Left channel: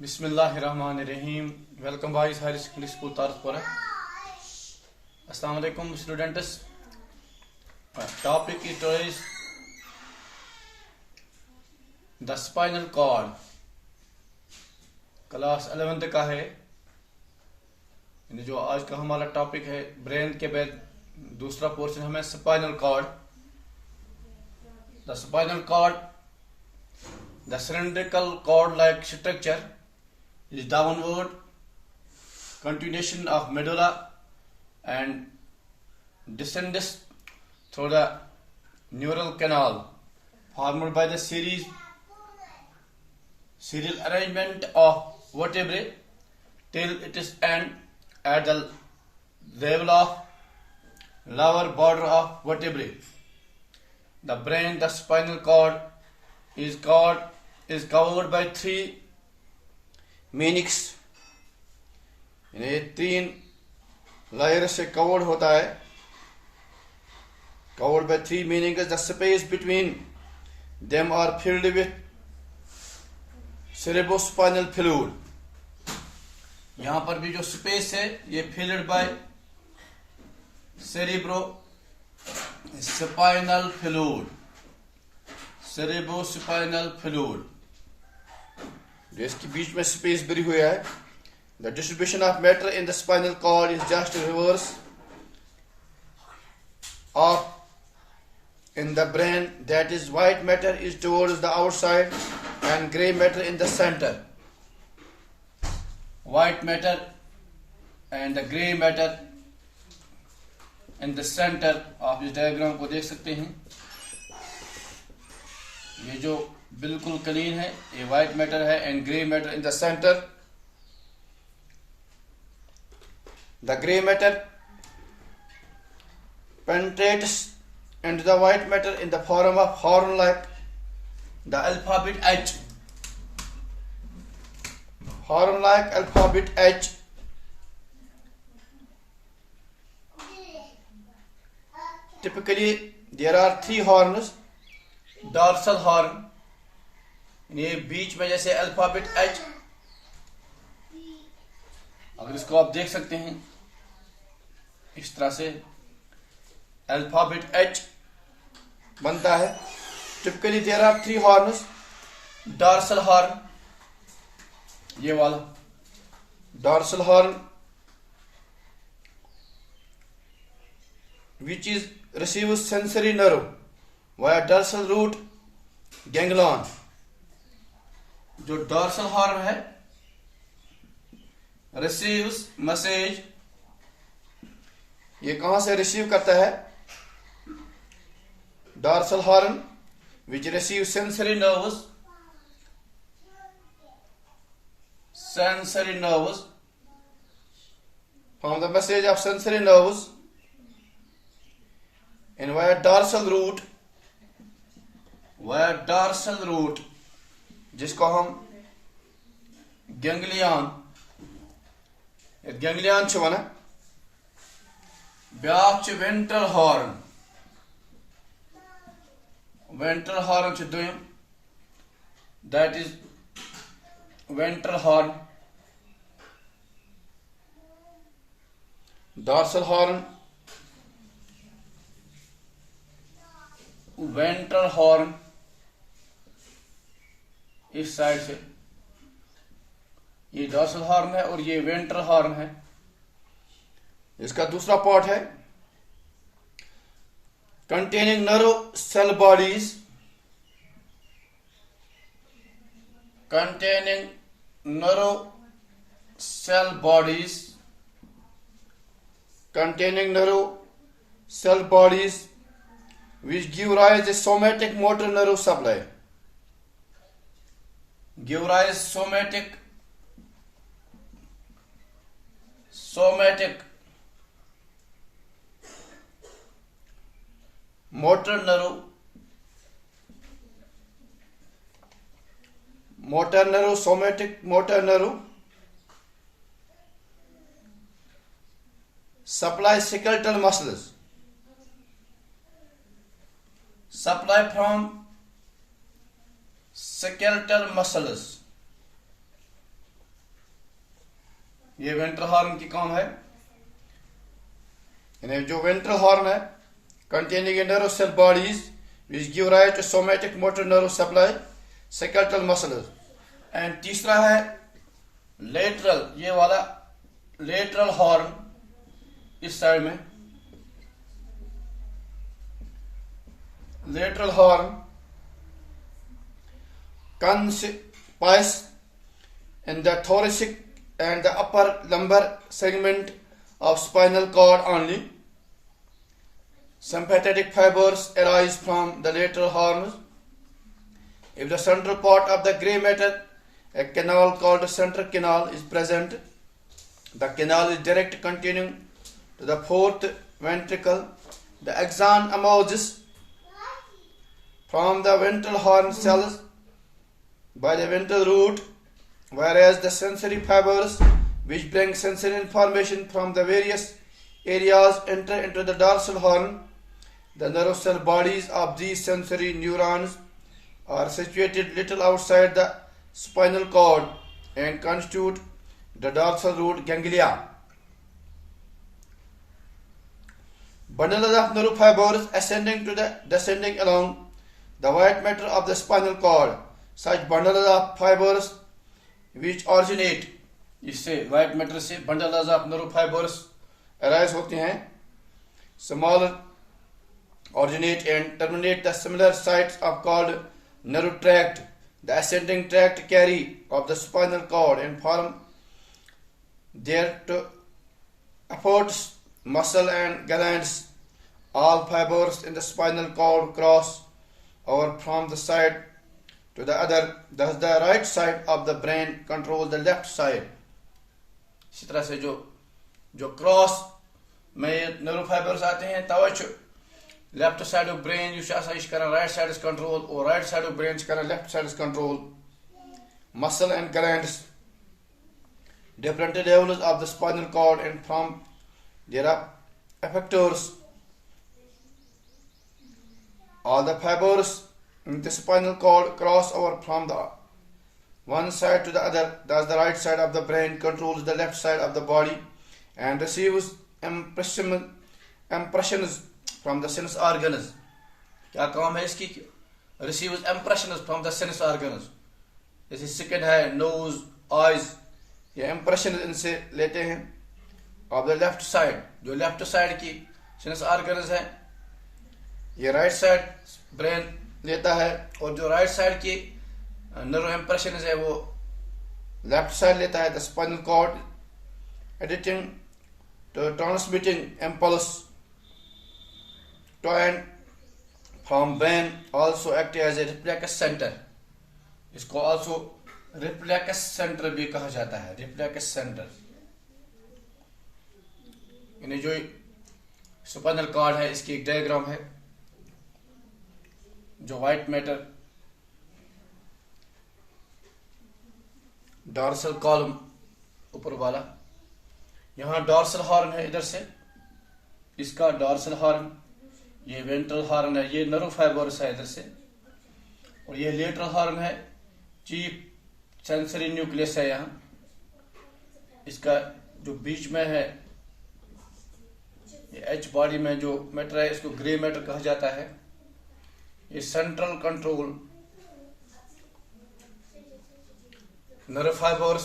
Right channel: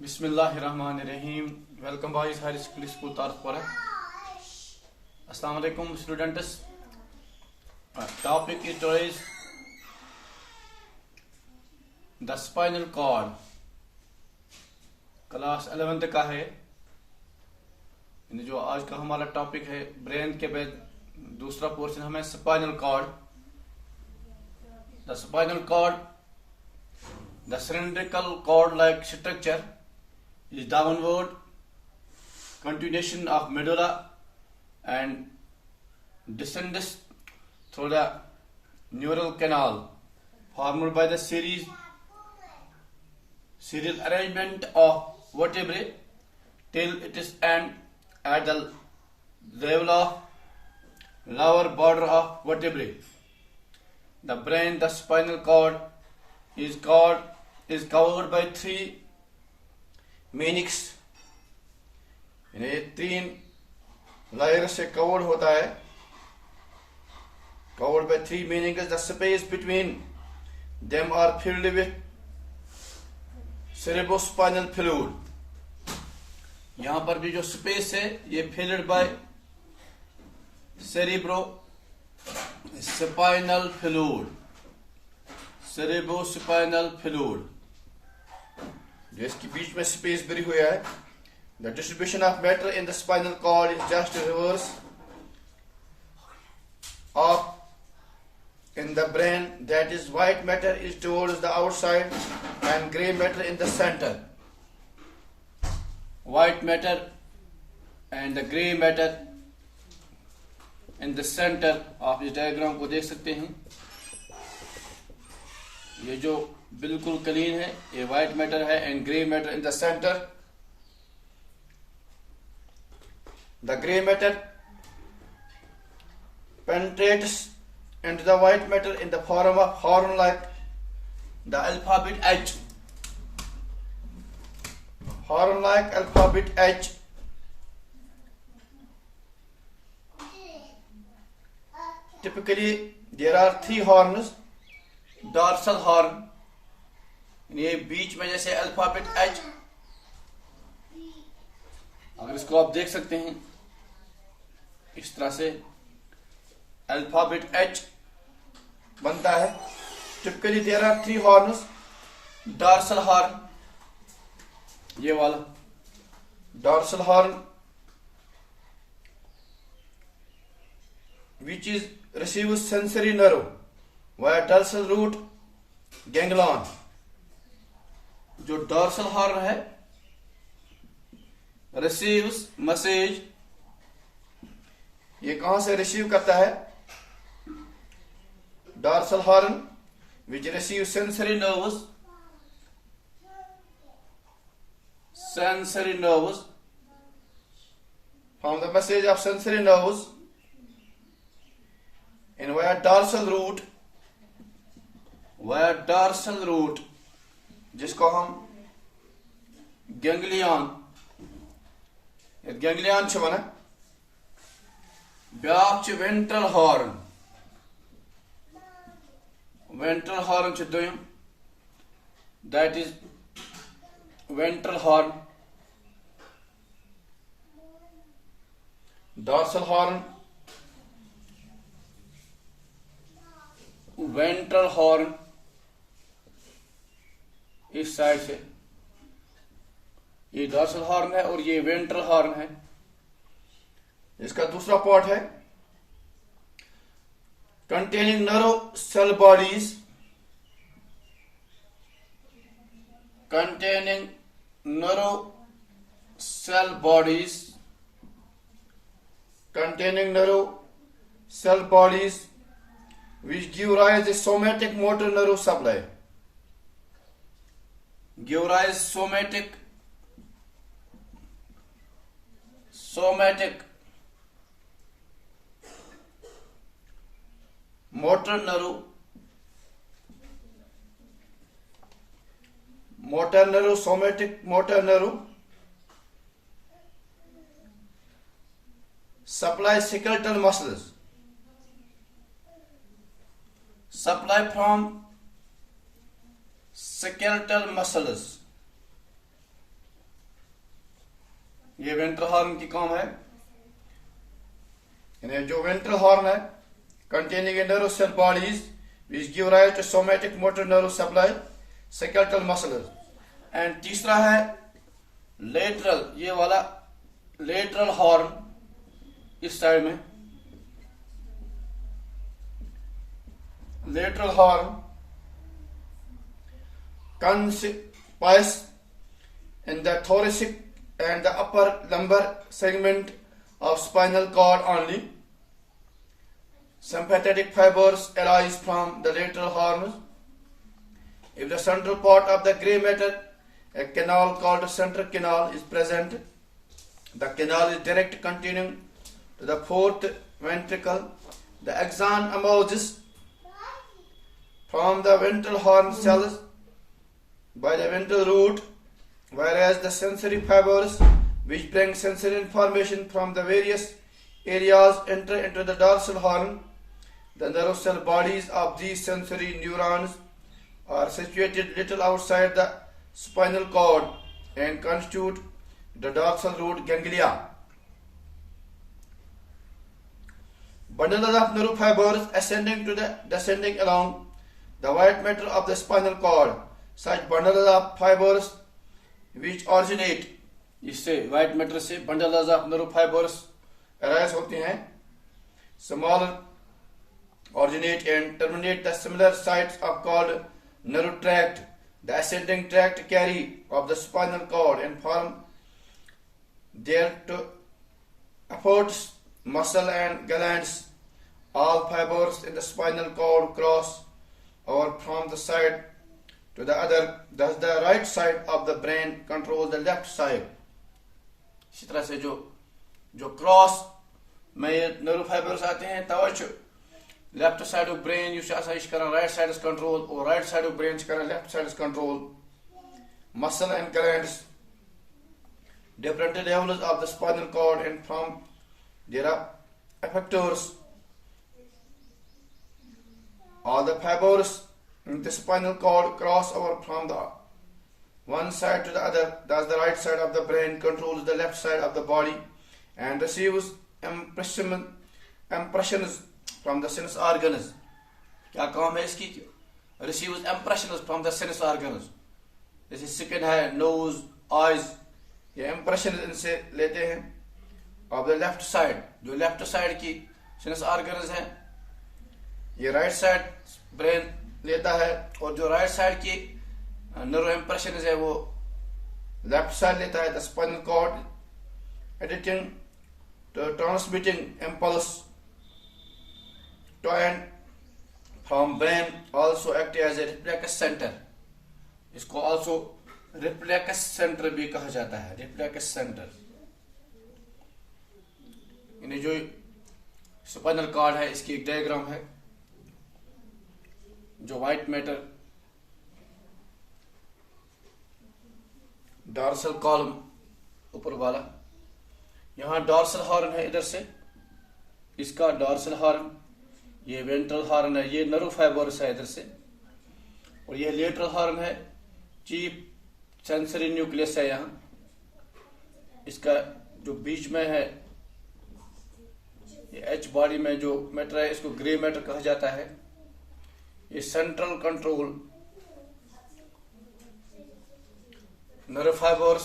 Bismillahirrahmanirrahim. Welcome boys, high school school Tarpura. Assalamu alaikum students. Topic is today's the spinal cord. Class 11th का है। जो आज का हमारा टॉपिक है ब्रेन के बाद दूसरा पोर्शन हमें spinal cord. The spinal cord, the cylindrical cord like structure is downward continuation of medulla and descends through the neural canal formed by the serial arrangement of vertebrae till it is end at the level of lower border of vertebrae. The brain, the spinal cord is covered by three meninges, यानी 3 layer से covered होता है। Covered by 3 meninges, the space between them are filled with cerebrospinal fluid. यहां पर भी जो space है ये filled by cerebrospinal fluid. Cerebrospinal fluid जो इसके बीच में स्पेस भरी हुई है। The distribution of matter in the spinal cord is just reverse of in the brain, that is white matter is towards the outside and grey matter in the centre. White matter and the grey matter in the centre. आप इस diagram को देख सकते हैं। ये जो बिल्कुल clean है ये व्हाइट मैटर है and grey matter in the centre. The grey matter penetrates into the white matter in the form of horn like the alphabet H. Horn like alphabet H. Typically there are 3 horns. Dorsal horn, ये बीच में जैसे alphabet H, अगर इसको आप देख सकते हैं इस तरह से अल्फाबेट एच बनता है। Typically there are 3 horns. Dorsal horn, ये वाला dorsal horn which is receive sensory nerve via dorsal root ganglion. जो डॉर्सल हॉर्न है रिसीव्स मैसेज, ये कहां से रिसीव करता है? Dorsal horn which receive sensory nerves from the message of sensory nerves in via dorsal root, जिसको हम ganglion one. Back ventral horn, दोयम, that is ventral horn. Dorsal horn, ventral horn इस side से, ये dorsal horn है और ये ventral horn है। इसका दूसरा पार्ट है containing nerve cell bodies, which give rise to somatic motor nerve supply. Give rise somatic motor nerve somatic motor nerve supply skeletal muscles. Supply from skeletal muscles. ये ventral horn की काम है। यानी जो वेंट्रल हॉर्न है containing a nerve cell bodies which give rise to somatic motor nerve supply skeletal muscles। And तीसरा है lateral, ये वाला लेटरल हॉर्न इस साइड में, lateral horn conspicuous in the thoracic and the upper lumbar segment of spinal cord only. Sympathetic fibers arise from the lateral horns. If the central part of the gray matter, a canal called central canal, is present, the canal is direct continuing to the fourth ventricle. The axon emerges from the ventral horn cells by the ventral root, whereas the sensory fibers which bring sensory information from the various areas enter into the dorsal horn. The nerve cell bodies of these sensory neurons are situated little outside the spinal cord and constitute the dorsal root ganglia. Bundles of nerve fibers ascending to the descending along the white matter of the spinal cord. Such bundles of fibers which originate, इससे white matter से bundles of nerve fibers arise होते हैं, small originate and terminate the similar sites of called nerve tract. The ascending tract carry of the spinal cord and form there to affords muscle and glands. All fibers in the spinal cord cross over from the side to the other. Thus the right side of the brain controls the left side. इसी तरह से जो cross में nerve fibres आते हैं तवज्जो left side of brain यह कर राइट साइड कंट्रोल और राइट साइड ऑफ ब्रेन कर left side control muscle and glands different levels of the spinal cord and from there are effectors. All the fibers in the spinal cord cross over from the one side to the other. Thus the right side of the brain controls the left side of the body and receives impressions from the sense organs. क्या काम है इसकी? Receives impressions from the sense organs. जैसे skin है, nose, eyes, ये impression इनसे लेते हैं. ऑफ द लेफ्ट साइड, जो लेफ्ट साइड की सेंस ऑर्गन्स हैं, ये राइट साइड ब्रेन लेता है, और जो राइट साइड की नर्व इंप्रेशन है वो लेफ्ट साइड लेता है. The spinal cord editing to transmitting impulse to and from brain also act as a reflex center. इसको also reflex center भी कहा जाता है. reflex center यानी जो स्पाइनल कॉर्ड है इसकी एक डायग्राम है. जो व्हाइट मैटर डॉर्सल कॉलम ऊपर वाला, यहाँ डॉर्सल हॉर्न है इधर से, इसका डॉर्सल हॉर्न, ये वेंट्रल हॉर्न है, ये नर्व फाइबर्स है इधर से, और ये लेटरल हॉर्न है, चीफ सेंसरी न्यूक्लियस है यहाँ. इसका जो बीच में है ये एच बॉडी में जो मैटर है इसको ग्रे मैटर कहा जाता है. ये central control nerve fibres,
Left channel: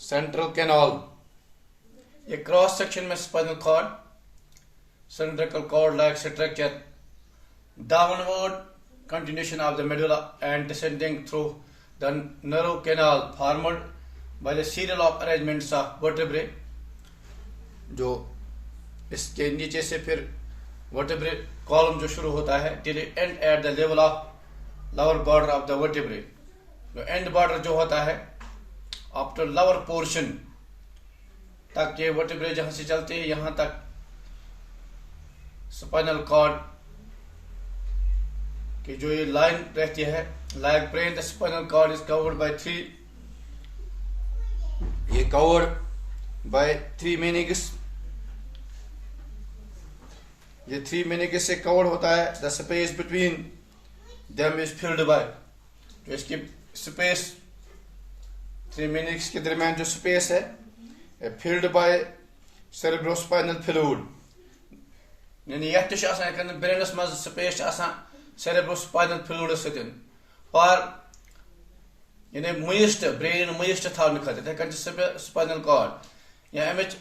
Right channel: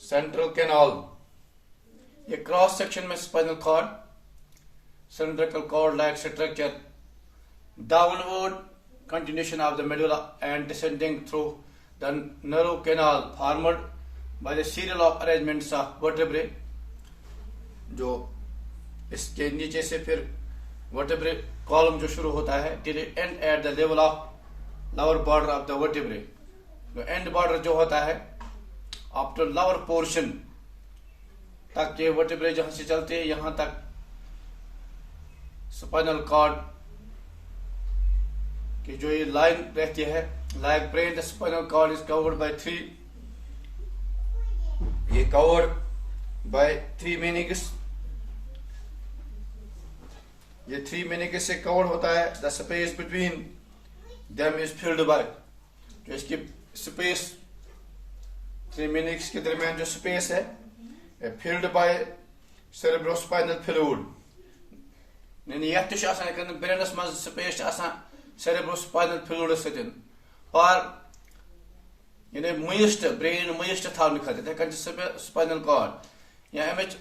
central canal, ये क्रॉस सेक्शन में spinal cord, cylindrical cord like structure, downward continuation of the medulla and descending through the nerve canal formed by the serial of arrangements of vertebrae. जो इसके नीचे से फिर vertebrae column जो शुरू होता है till it end at the level of lower border of the vertebrae. जो end border जो होता है after lower portion तक, ये vertebrae जहां से चलते हैं यहां तक spinal cord कि जो ये लाइन रहती है, like brain the spinal cord is covered by three, ये कवर्ड बाय थ्री मेनिंगस, ये थ्री मेनिंगस से कवर्ड होता है. The space between them is filled by, जो इसकी स्पेस 3 मिनट्स के दरमियान जो स्पेस है फिल्ड बाय सेरेब्रोस्पाइनल फ्लूइड यानी यह ब्रेनस मज स्पेस सेरेब्रोस्पाइनल फ्लूइड सतन पर यानी मोइस्ट ब्रेन मोइस्ट थवन खतर स्पाइनल कॉर्ड या अमिच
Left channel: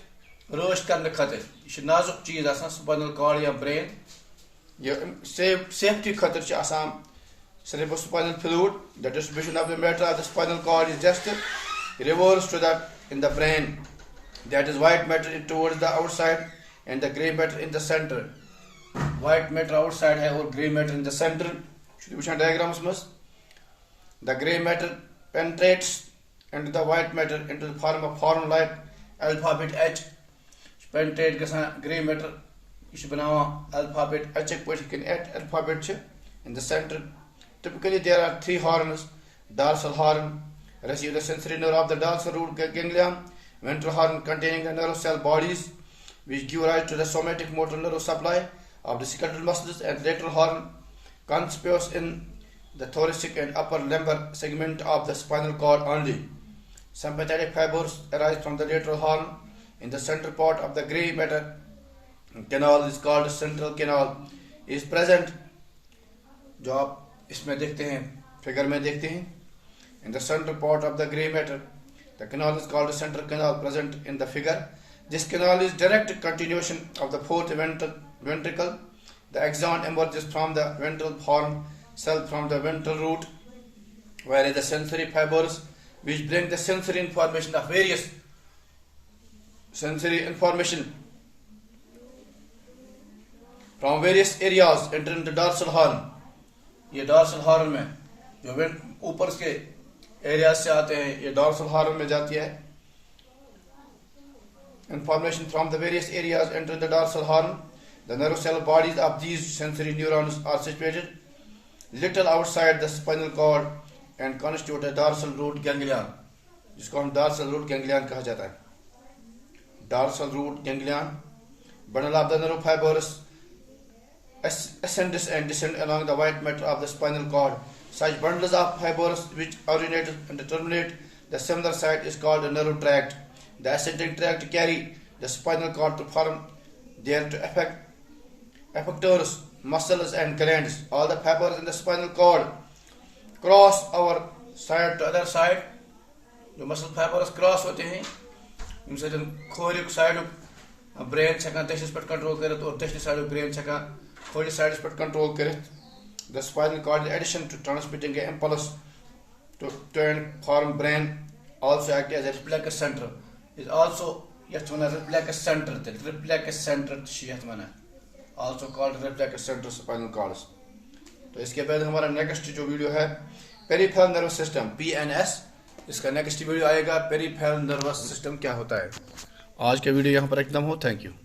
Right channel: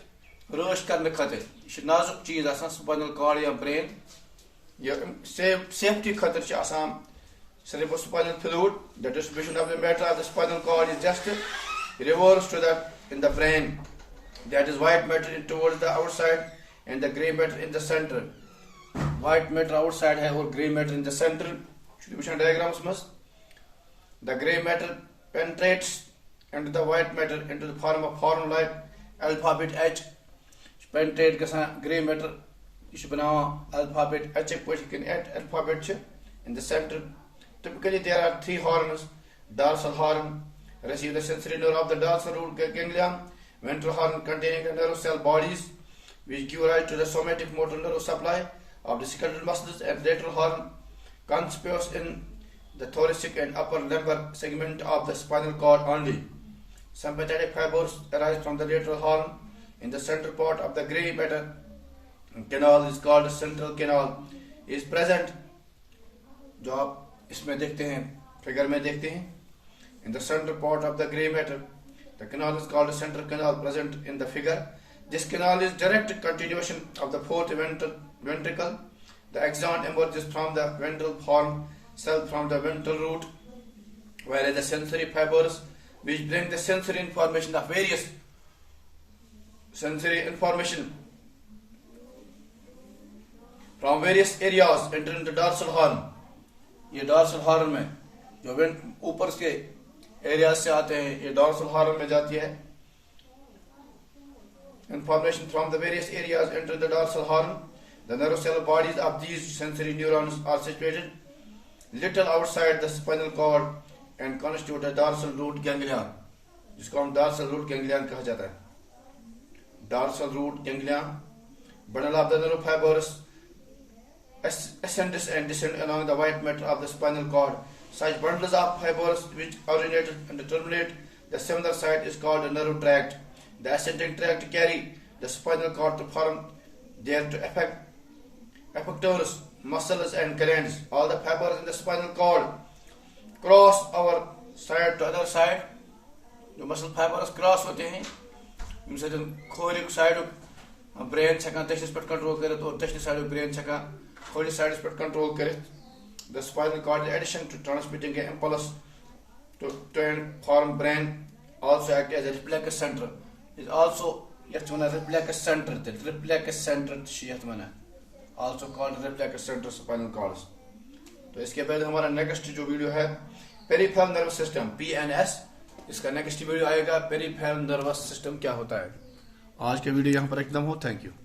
रोश करने खतर यह नाजुक चीज स्पाइनल कॉर्ड या ब्रेन यह सेफ्टी खतर cerebrospinal fluid. The distribution of the matter of the spinal cord is just reversed to the in the brain. That is white matter towards the outside and the grey matter in the center. White matter outside है और grey matter in the center. Distribution diagrams must. The grey matter penetrates into the white matter into the form of formula alphabet H. Penetrate गसा grey matter इस बनावा alphabet H एक post के alphabet च in the center. Typically, there are 3 horns. Dorsal horn receives the sensory nerve of the dorsal root ganglion. Ventral horn containing the nerve cell bodies, which give rise to the somatic motor nerve supply of the skeletal muscles, and lateral horn conspicuous in the thoracic and upper lumbar segment of the spinal cord only. Sympathetic fibers arise from the lateral horn in the central part of the grey matter canal is called central canal. Is present. जो आप इसमें देखते हैं figure में देखते हैं in the central part of the grey matter the canal is called central canal present in the figure this canal is direct continuation of the fourth ventricle the axon emerges from the ventral horn cell from the ventral root whereas the sensory fibers which bring the sensory information of various sensory information from various areas enter into the dorsal horn. ये dorsal horn में जो ऊपर के area से आते हैं ये dorsal horn में जाती है information from the various areas enter the dorsal horn. The nerve cell bodies of these sensory neurons are situated little outside the spinal cord and constitute a dorsal root ganglion जिसको हम dorsal root ganglion कहा जाता है. Dorsal root ganglion bundle of the nerve fibers ascends and descends along the white matter of the spinal cord. Such bundles of fibers which originate and terminate the similar site is called a nerve tract. The ascending tract carry the spinal cord to form there to affect effectors, muscles and glands. All the fibers in the spinal cord cross our side to other side. जो muscle fibers cross होते हैं इनसे जो खोरिक side brain छका तशस पर control करे तो तशस side brain छका खोरी साइड पर कंट्रोल करे. The spinal cord, in addition to transmitting an impulse to turn form brain, also act as a reflex center. Is also yet one reflex center. The reflex center also called reflex center spinal cords. तो इसके बाद हमारा next जो video है peripheral nervous system PNS. इसका next video आएगा peripheral nervous system क्या होता है. आज का वीडियो यहाँ पर एकदम हो. Thank you.